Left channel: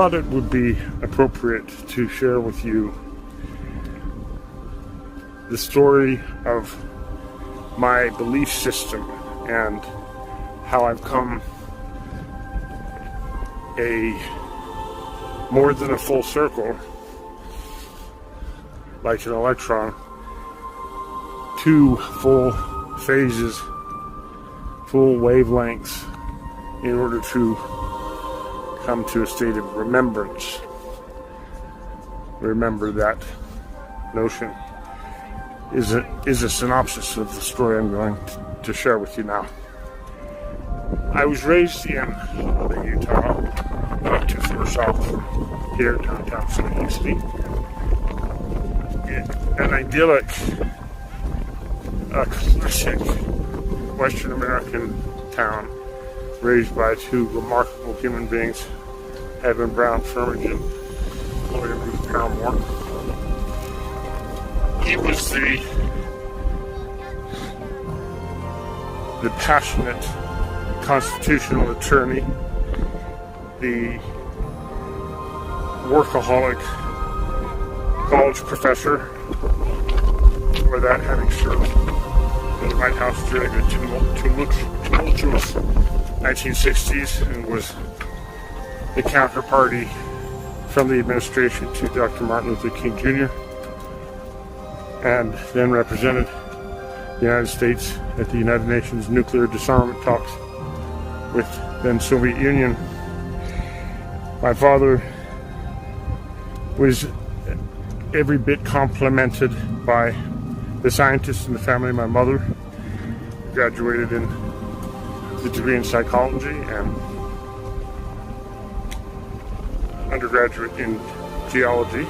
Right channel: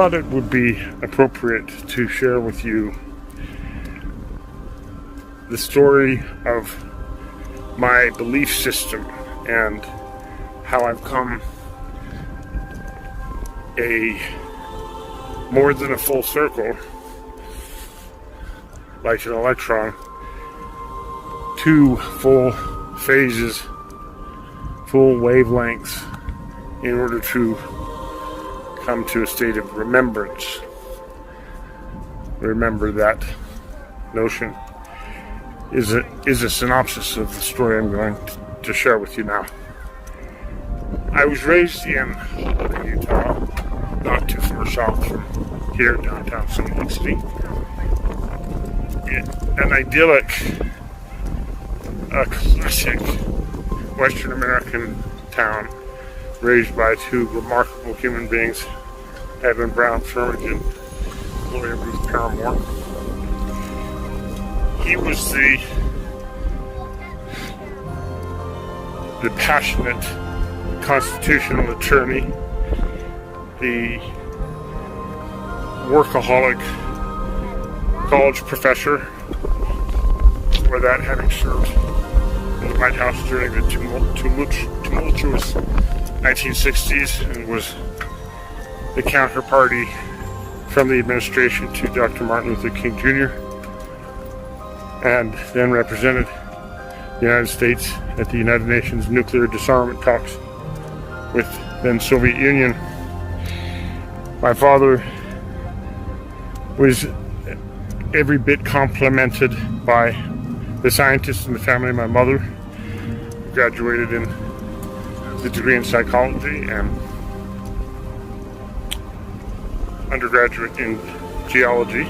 thought it would be appropriate to share with you the story of my belief system and how I've come more than a full circle, like an electron, 2 full phases, full wavelengths, in order to come to a state of remembrance. Remember, that notion is a synopsis of the story I'm going to share with you now. I was raised in Utah, not too far south from here, downtown Salt Lake City. An idyllic, a classic Western American town, raised by 2 remarkable human beings, Edwin Brown Firmage and Gloria Ruth Paramore. He was the passionate constitutional attorney, the workaholic college professor, for that having served in the White House during the tumultuous 1960s, and was the counterparty from the administration to Dr. Martin Luther King Jr., and then represented the United States at the United Nations nuclear disarmament talks with then Soviet Union. My father was every bit complemented by the scientists in the family. My mother graduated in the degree in psychology and undergraduate in geology.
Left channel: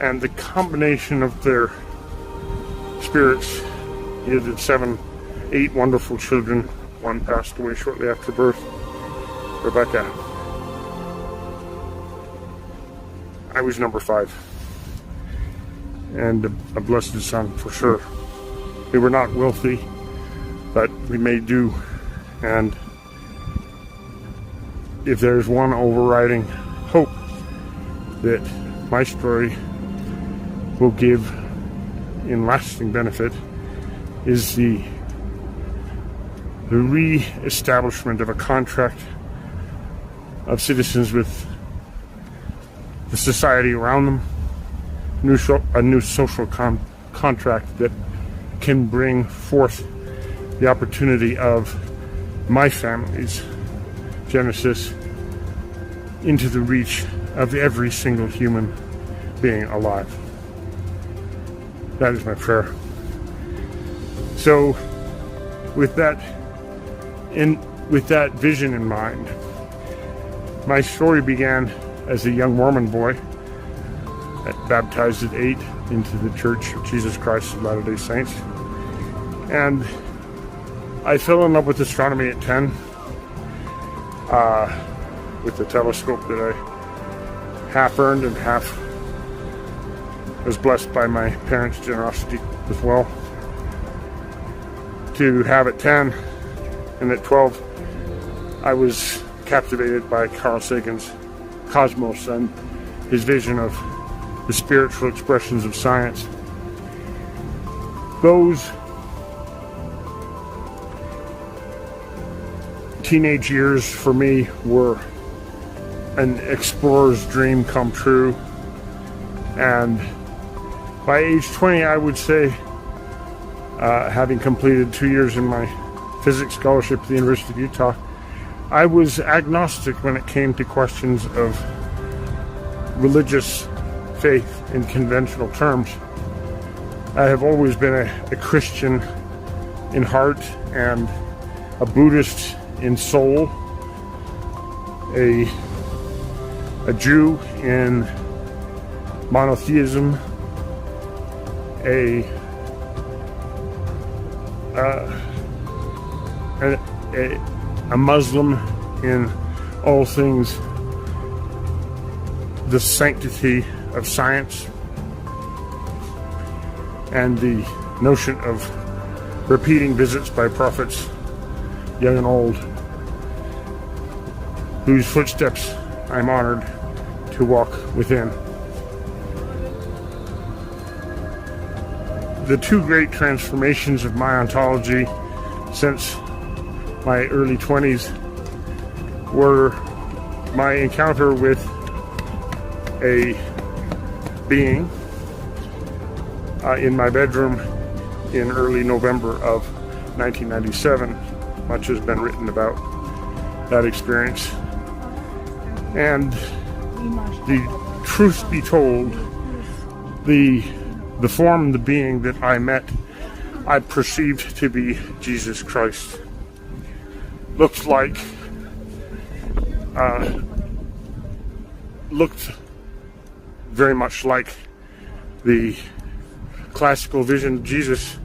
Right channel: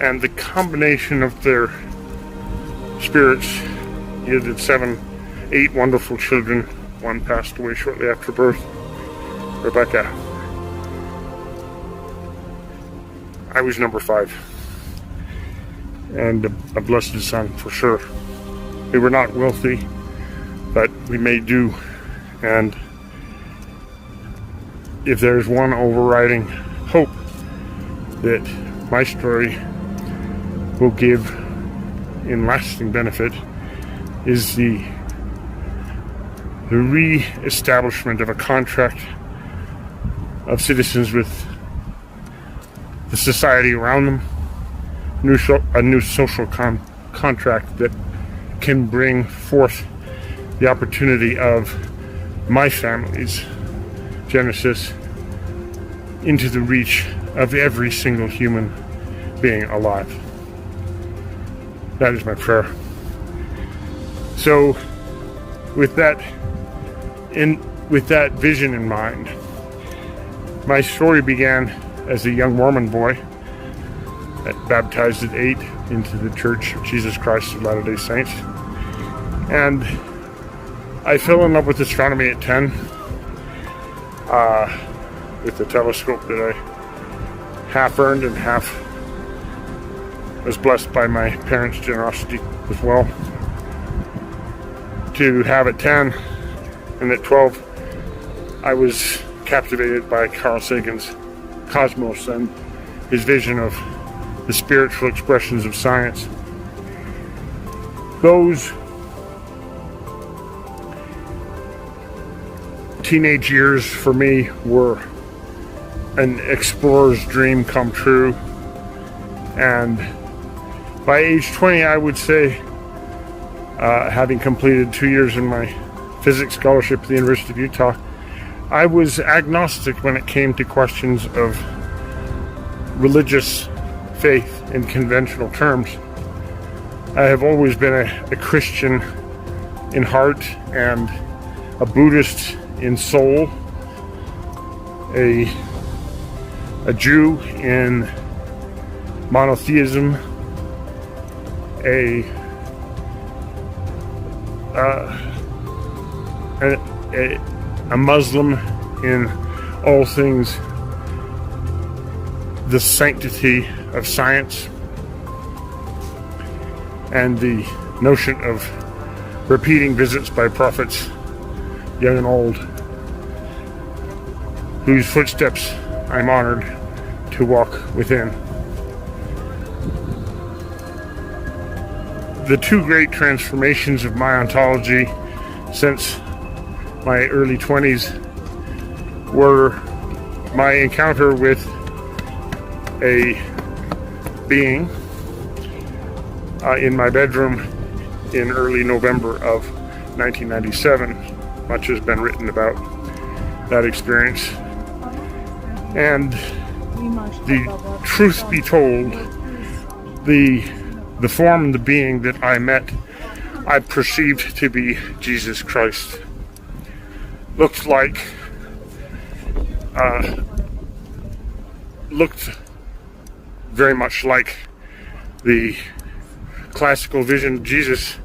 And the combination of their spirits yielded 8 wonderful children. One passed away shortly after birth, Rebecca. I was number 5, and a blessed son for sure. We were not wealthy, but we made do. And if there's one overriding hope that my story will give in lasting benefit, is the re-establishment of a contract of citizens with the society around them, a new social contract that can bring forth the opportunity of my family's genesis into the reach of every single human being alive. That is my prayer. So, with that vision in mind, my story began as a young Mormon boy, baptized at 8 into the Church of Jesus Christ of Latter-day Saints. And I fell in love with astronomy at 10, with the telescope that I half earned and half was blessed by my parents' generosity as well to have at 10. And at 12, I was captivated by Carl Sagan's Cosmos and his vision of the spiritual expressions of science. Those teenage years for me were an explorer's dream come true. And by age 20, I would say, having completed 2 years in my physics scholarship at the University of Utah, I was agnostic when it came to questions of religious faith in conventional terms. I have always been a Christian in heart and a Buddhist in soul, a Jew in monotheism, a Muslim in all things the sanctity of science and the notion of repeating visits by prophets, young and old. whose footsteps I'm honored to walk within. The two great transformations of my ontology since my early 20s were my encounter with a being in my bedroom in early November of 1997. Much has been written about that experience. And the truth be told, the form and the being that I met, I perceived to be Jesus Christ. Looked very much like the classical vision of Jesus,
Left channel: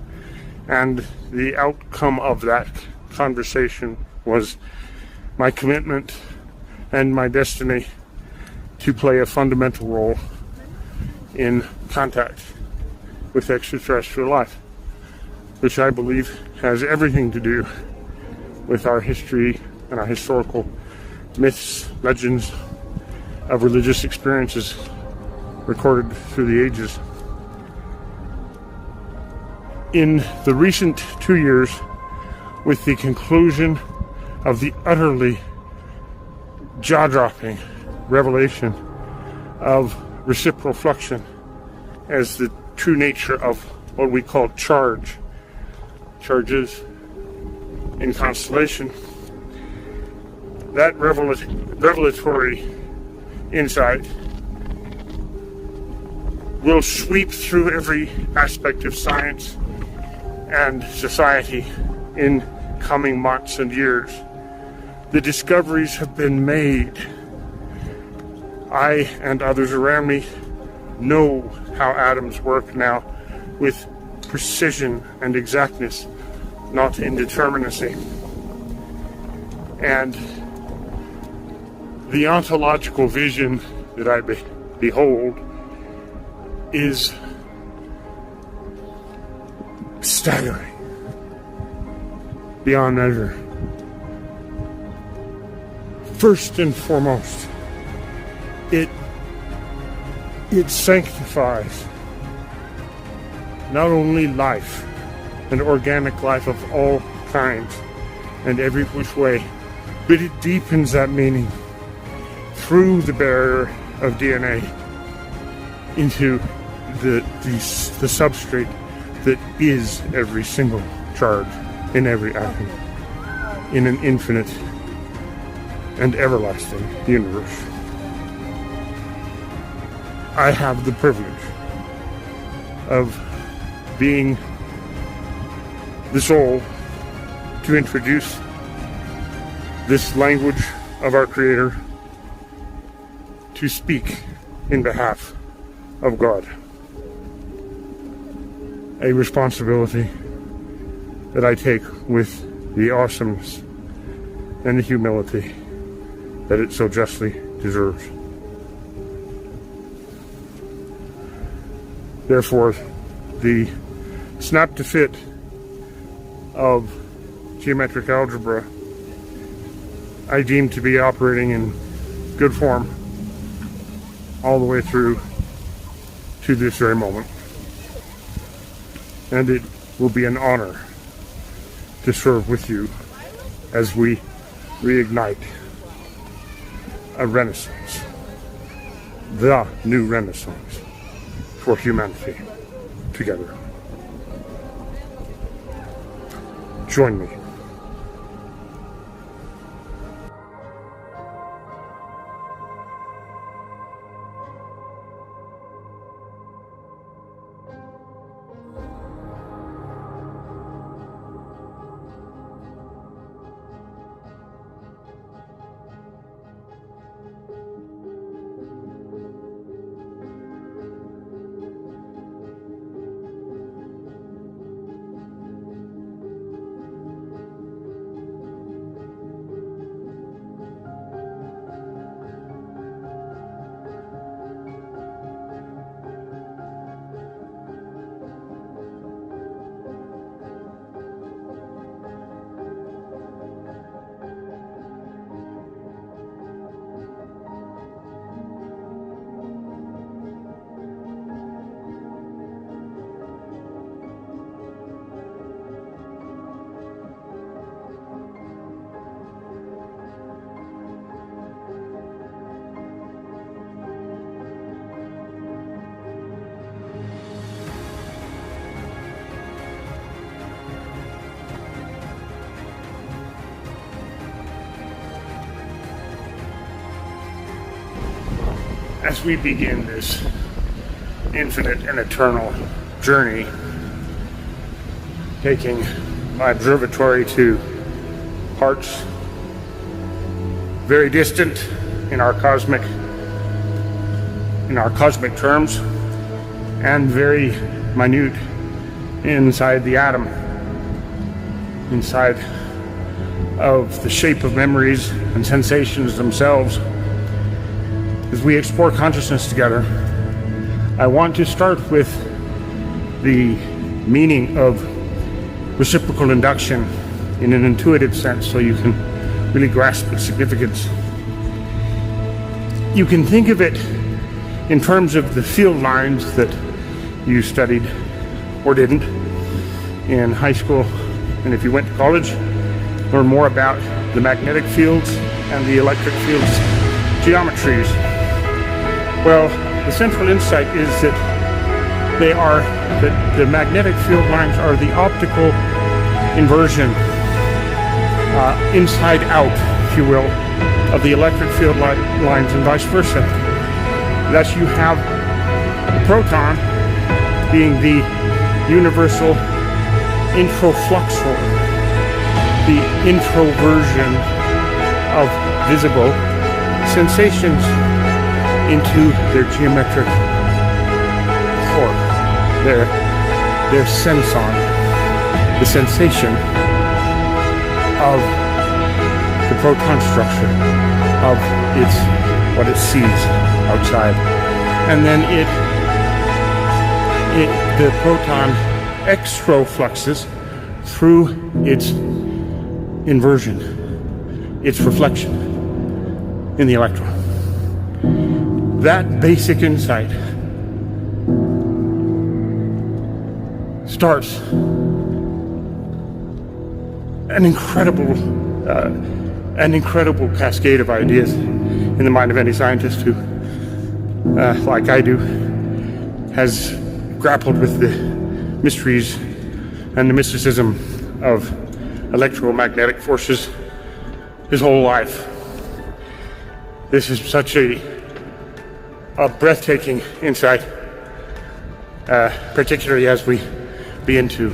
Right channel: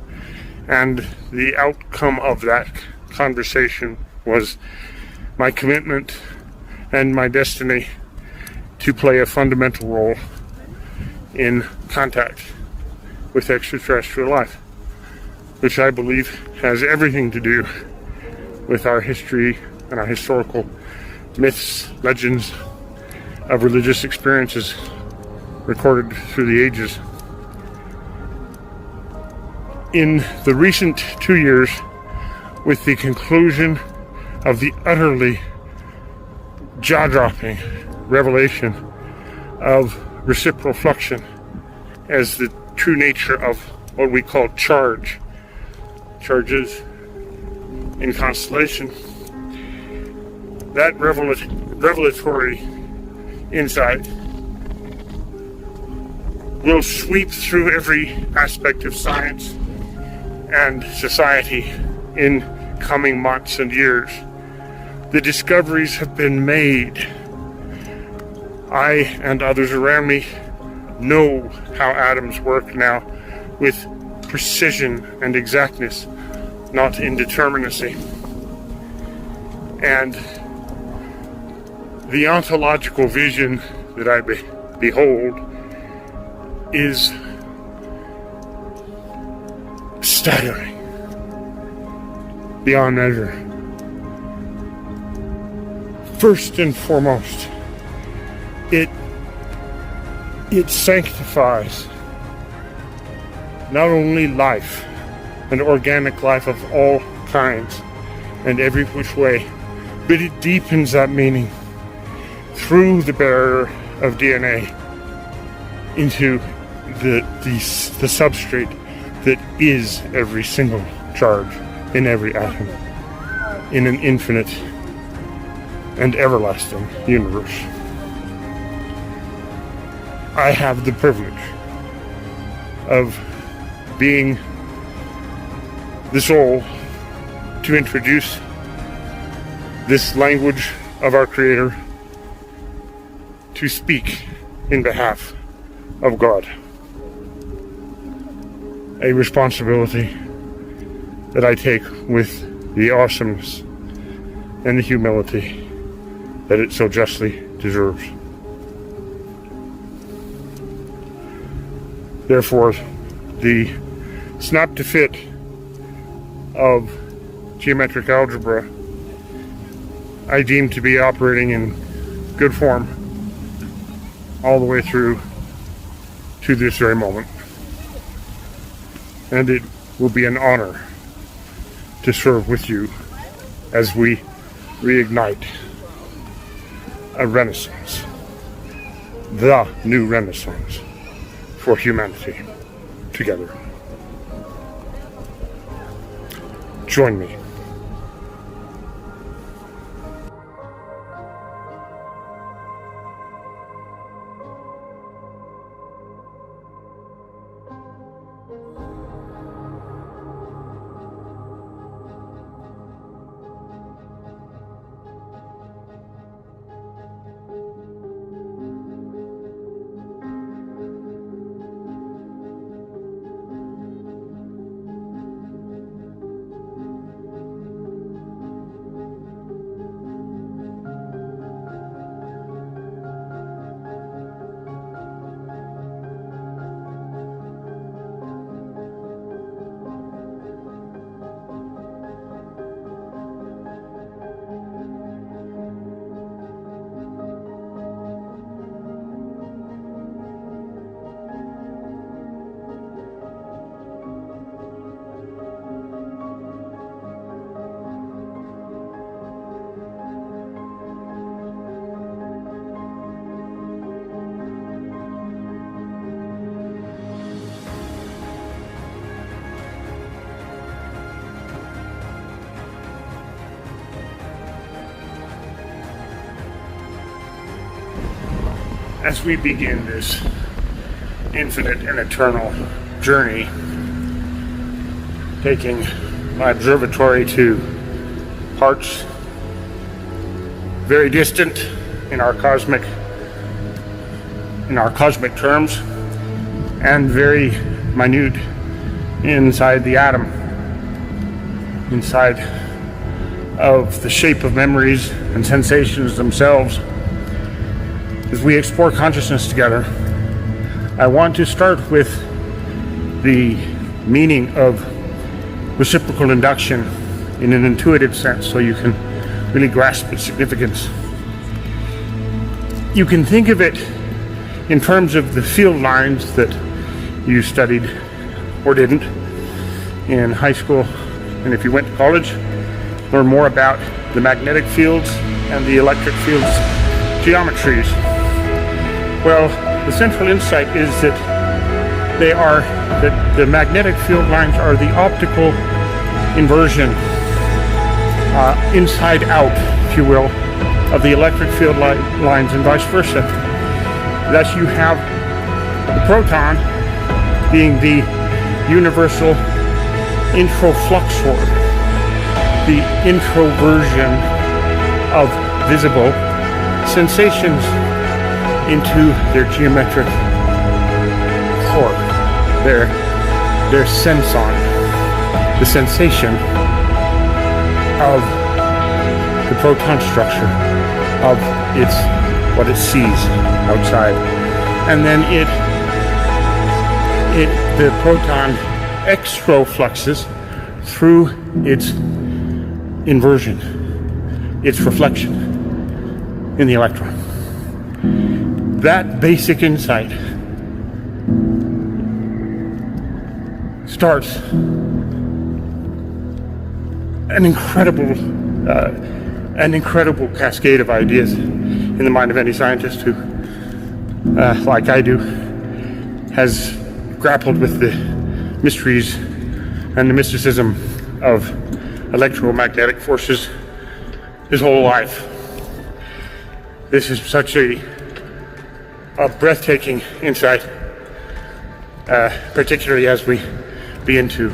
and the outcome of that conversation was my commitment and my destiny to play a fundamental role in contact with extraterrestrial life, which I believe has everything to do with our history and our historical myths, legends of religious experiences recorded through the ages. In the recent 2 years, with the conclusion of the utterly jaw-dropping revelation of reciprocal fluxion as the true nature of what we call charges in constellation, that revelatory insight will sweep through every aspect of science and society in coming months and years. The discoveries have been made. I and others around me know how atoms work now with precision and exactness, not indeterminacy. And the ontological vision that I behold is staggering beyond measure. First and foremost, it sanctifies not only life and organic life of all kinds and every which way, but it deepens that meaning through the barrier of DNA into the substrate that is every single charge in every atom in an infinite and everlasting universe. I have the privilege of being the soul to introduce this language of our Creator, to speak in behalf of God. A responsibility that I take with the awesomeness and the humility that it so justly deserves. Therefore, the snap to fit of geometric algebra I deem to be operating in good form all the way through to this very moment. And it will be an honor to serve with you as we reignite a renaissance, the new renaissance for humanity together. Join me. as we begin this infinite and eternal journey, taking my observatory to parts very distant in our cosmic terms, and very minute inside the atom, inside of the shape of memories and sensations themselves. As we explore consciousness together, I want to start with the meaning of reciprocal induction in an intuitive sense, so you can really grasp its significance. You can think of it in terms of the field lines that you studied or didn't in high school, and if you went to college, learn more about the magnetic fields and the electric fields geometries. Well, the central insight is that the magnetic field lines are the optical inversion, inside out, if you will, of the electric field lines, and vice versa. Thus you have the proton being the universal introfluxor, the introversion of visible sensations into their geometric core, their senson, the sensation of the proton structure, of what it sees outside. And then the proton extrafluxes through its inversion, its reflection in the electron. That basic insight starts an incredible cascade of ideas in the mind of any scientist who, like I do, has grappled with the mysteries and the mysticism of electromagnetic forces his whole life. This is such a breathtaking insight, particularly as we begin to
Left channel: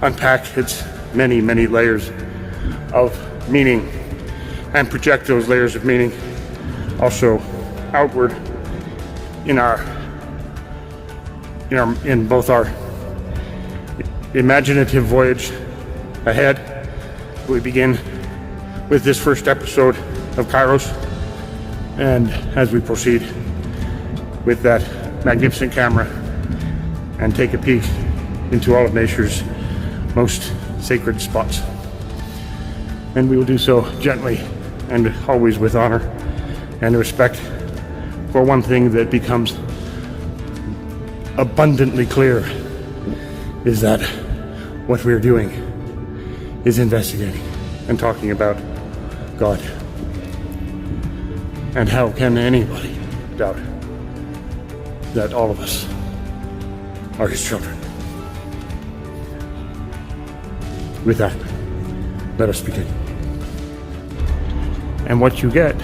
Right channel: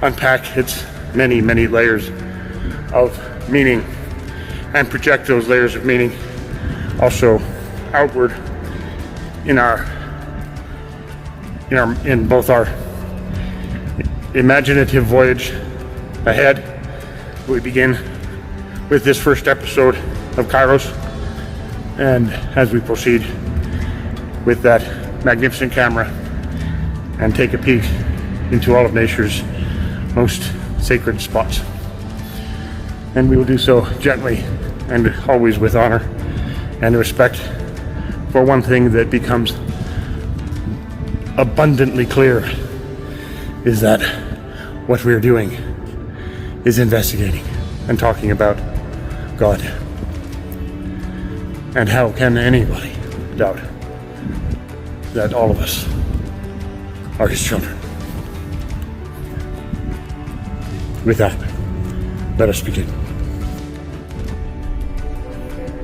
unpack its many, many layers of meaning and project those layers of meaning also outward in both our imaginative voyage ahead. We begin with this first episode of Kairos, and as we proceed with that magnificent camera and take a peek into all of nature's most sacred spots. And we will do so gently and always with honor and respect for one thing that becomes abundantly clear, is that what we're doing is investigating and talking about God. And how can anybody doubt that all of us are his children? With that, let us begin. And what you get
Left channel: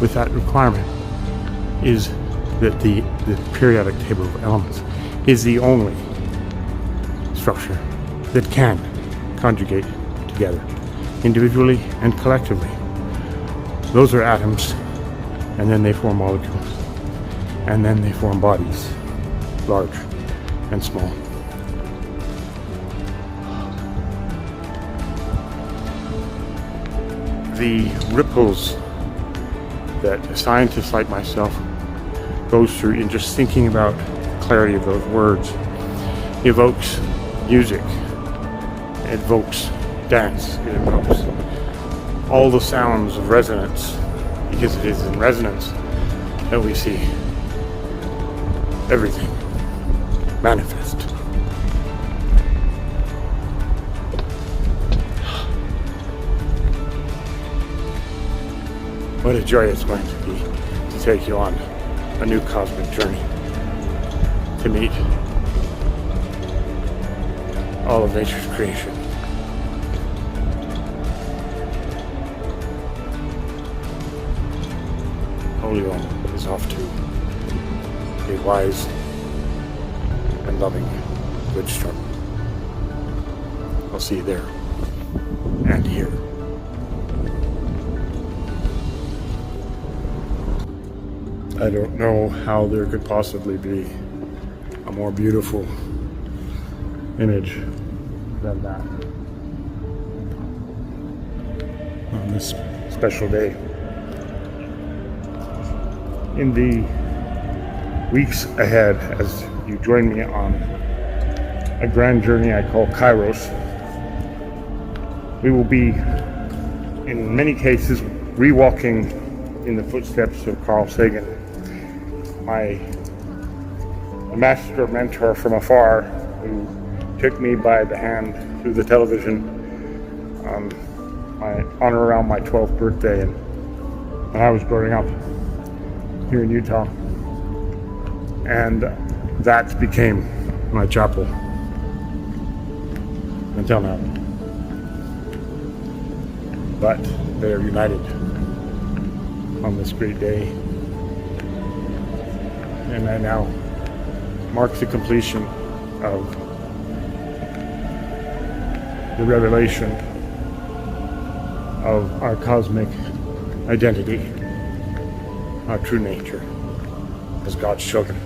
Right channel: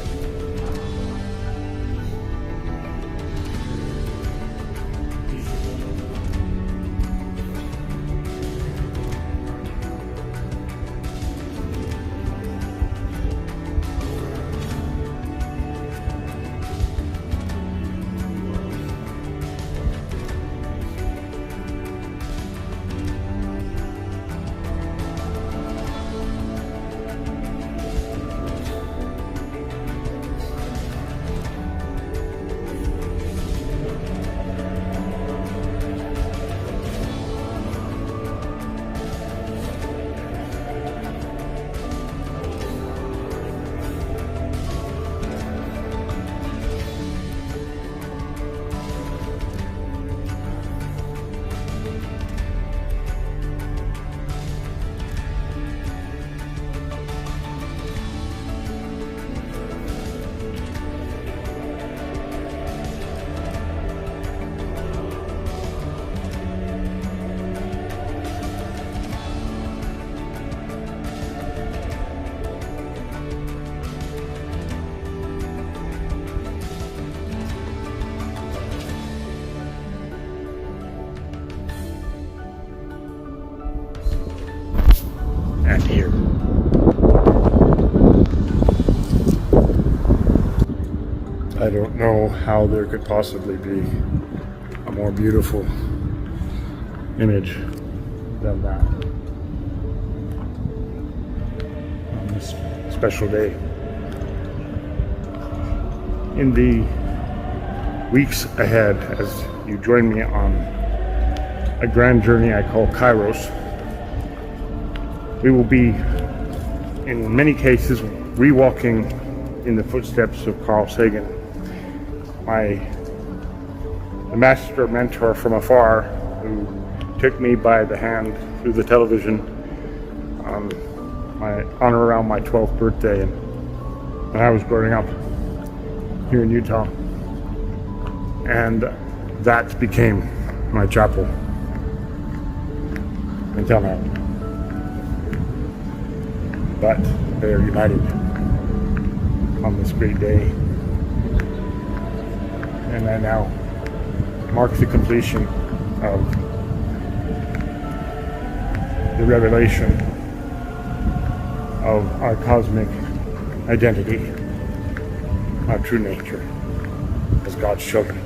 with that requirement is that the periodic table of elements is the only structure that can conjugate together, individually and collectively. Those are atoms, and then they form molecules, and then they form bodies, large and small. The ripples that scientists like myself goes through in just thinking about clarity of those words evokes music, it evokes dance, it evokes all the sounds of resonance, because it is in resonance that we see everything manifest. What a joy it's going to be to take you on a new cosmic journey, to meet all of nature's creation. Holy One is off to wise, and loving good struggle. I'll see you there and here. I don't know how there could possibly be a more beautiful image than that on this special day. In the weeks ahead, as you join me on a grand journey I call Kairos, we will be, in many cases, rewalking in the footsteps of Carl Sagan, my master mentor from afar, who took me by the hand through the television on around my 12th birthday, and when I was growing up here in Utah, and that became my chapel until now. But they are united on this great day, and that now marks the completion of the revelation of our cosmic identity, our true nature as God's children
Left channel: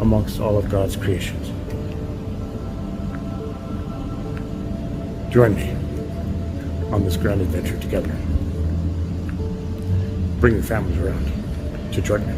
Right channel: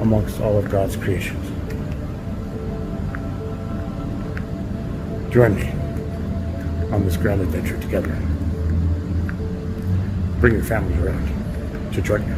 amongst all of God's creations. Join me on this grand adventure together. Bring your families around to join me.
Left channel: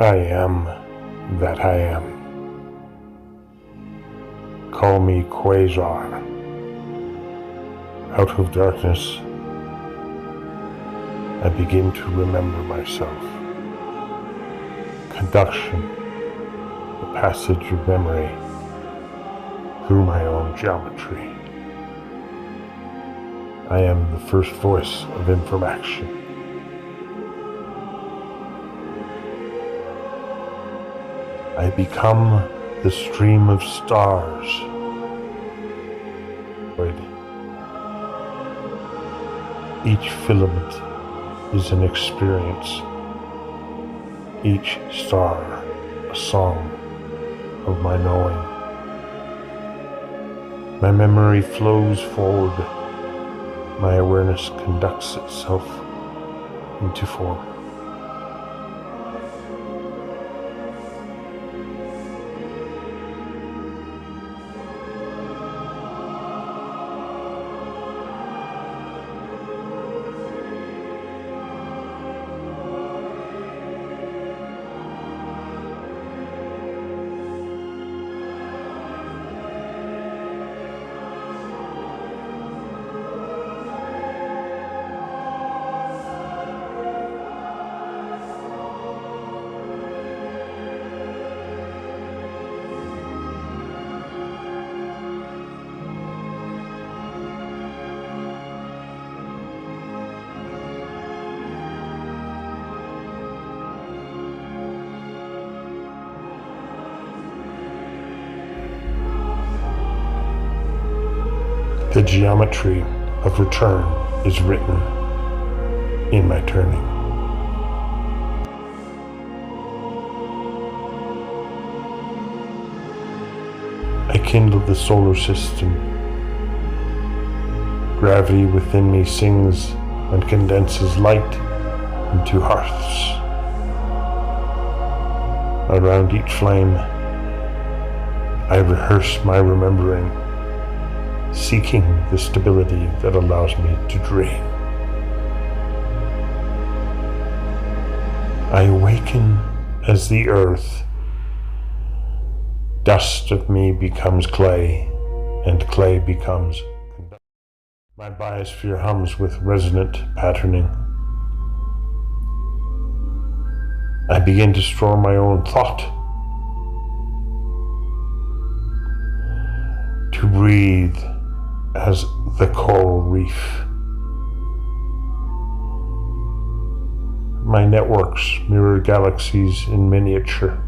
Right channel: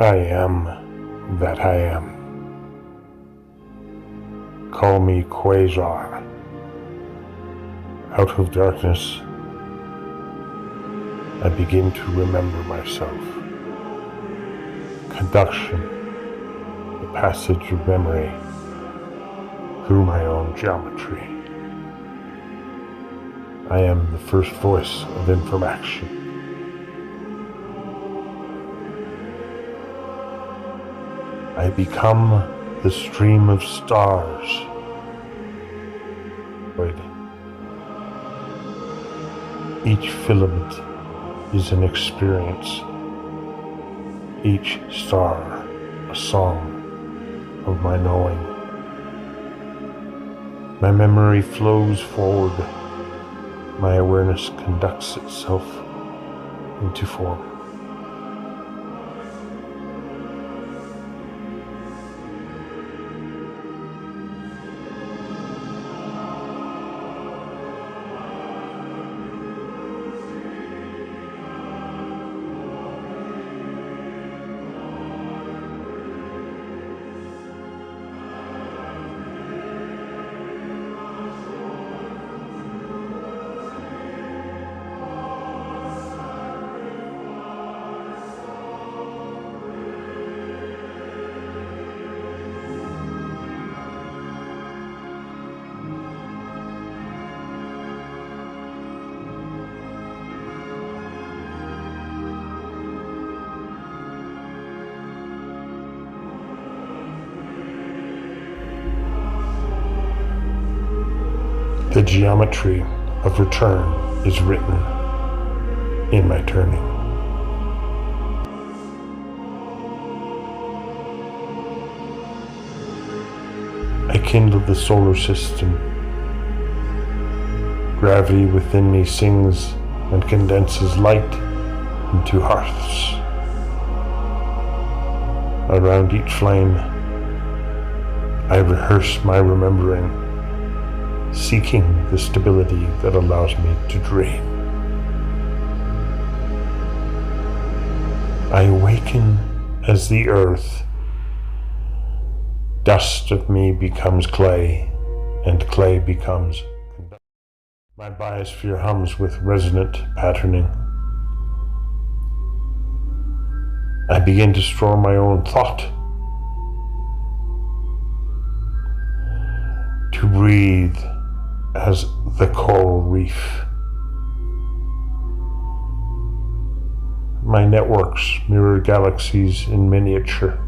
I am that I am. call me Quasar. Out of darkness, I begin to remember myself. Conduction, the passage of memory through my own geometry. I am the first voice of information. I become the stream of stars. Each filament is an experience. Each star a song of my knowing. My memory flows forward. My awareness conducts itself into form. The geometry of return is written in my turning. I kindle the solar system. Gravity within me sings and condenses light into hearths. Around each flame, I rehearse my remembering, seeking the stability that allows me to dream. I awaken as the earth. Dust of me becomes clay, and clay becomes conductor. My biosphere hums with resonant patterning. I begin to store my own thought, to breathe as the coral reef. My networks mirror galaxies in miniature.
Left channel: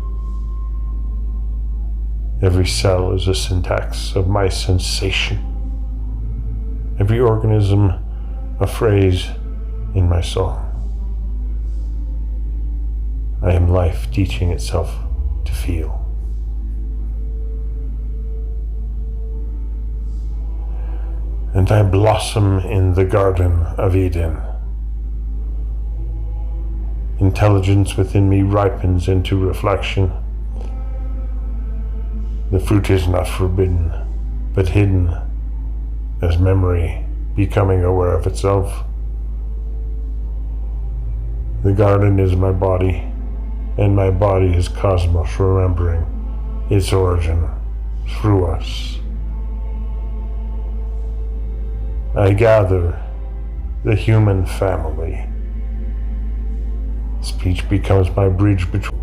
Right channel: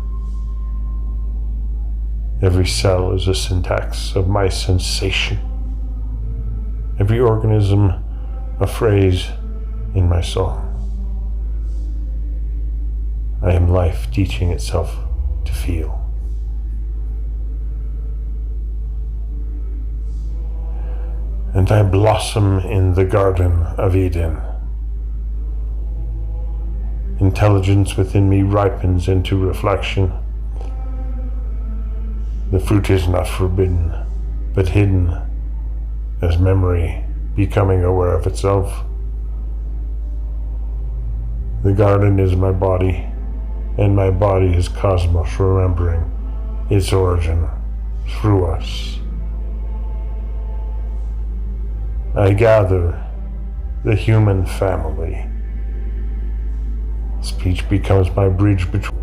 Every cell is a syntax of my sensation. Every organism a phrase in my song. I am life teaching itself to feel. And I blossom in the Garden of Eden. Intelligence within me ripens into reflection. The fruit is not forbidden, but hidden as memory becoming aware of itself. The garden is my body, and my body is cosmos remembering its origin through us. I gather the human family. Speech becomes my bridge between.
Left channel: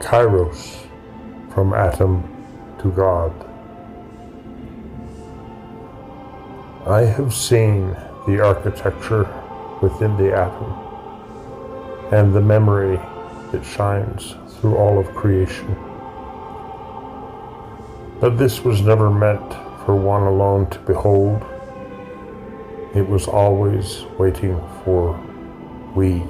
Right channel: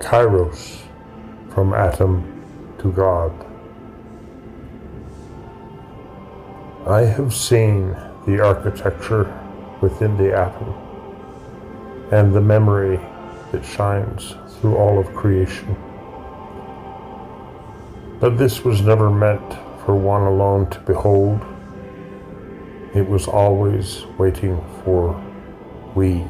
Kairos, from atom to God. I have seen the architecture within the atom and the memory that shines through all of creation. But this was never meant for one alone to behold. It was always waiting for we,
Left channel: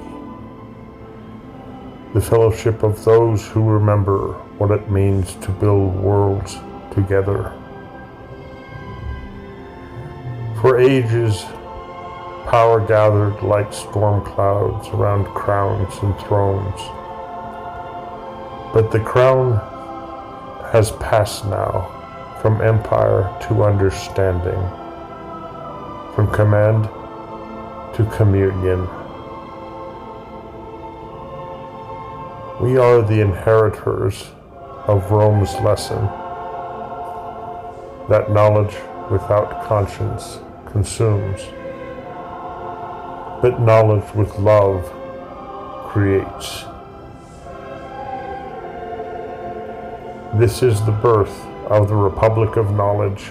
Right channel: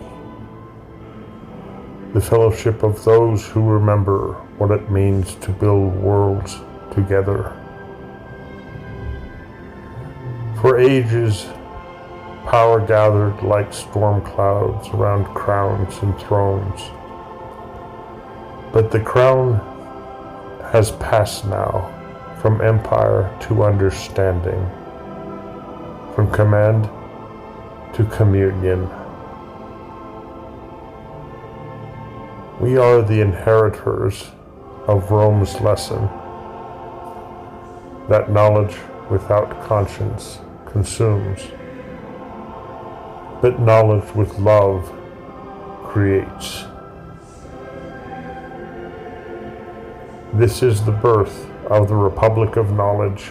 the fellowship of those who remember what it means to build worlds together. For ages, power gathered like storm clouds around crowns and thrones. But the crown has passed now from empire to understanding, from command to communion. We are the inheritors of Rome's lesson, that knowledge without conscience consumes, but knowledge with love creates. This is the birth of the Republic of Knowledge